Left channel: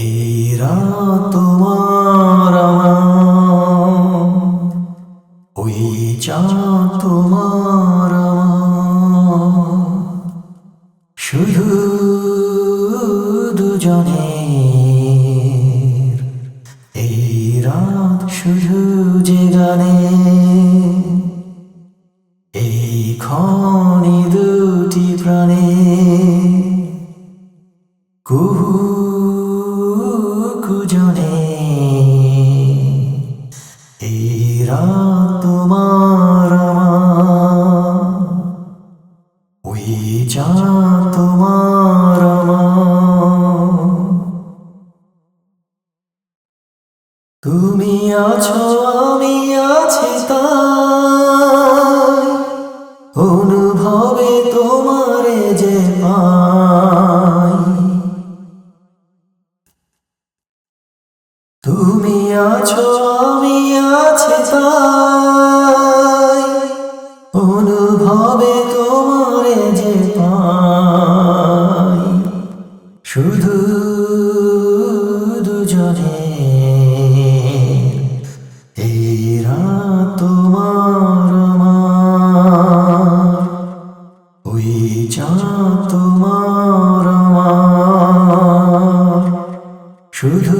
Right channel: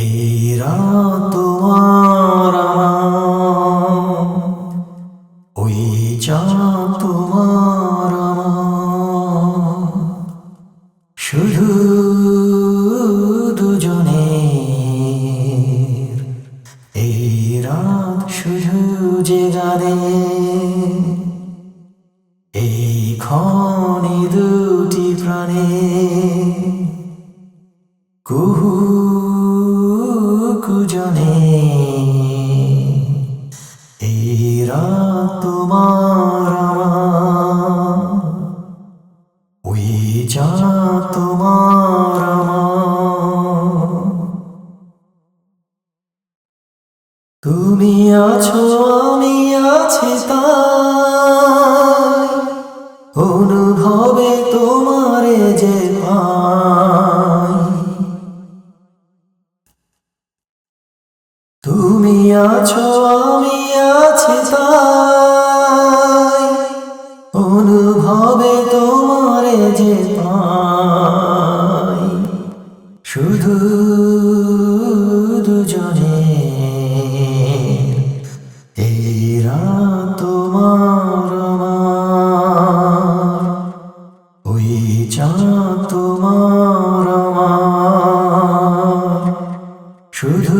এই রাত তোমার আমার, ওই চাঁদ তোমার আমার, শুধু দুজনের। এই রাত শুধু যে গানে, এই ক্ষণে দুটি প্রাণে কুহু কুজনে। এই রাত তোমার আমার, ওই চাঁদ তোমার আমার। তুমি আছো আমি আছি তাই, অনুভবে তোমারে যে পাই। তুমি আছো আমি আছি তাই, অনুভবে তোমারে যে পাই। শুধু দুজনে, এই রাত তোমার আমার, ওই চাঁদ তোমার আমার, শুধু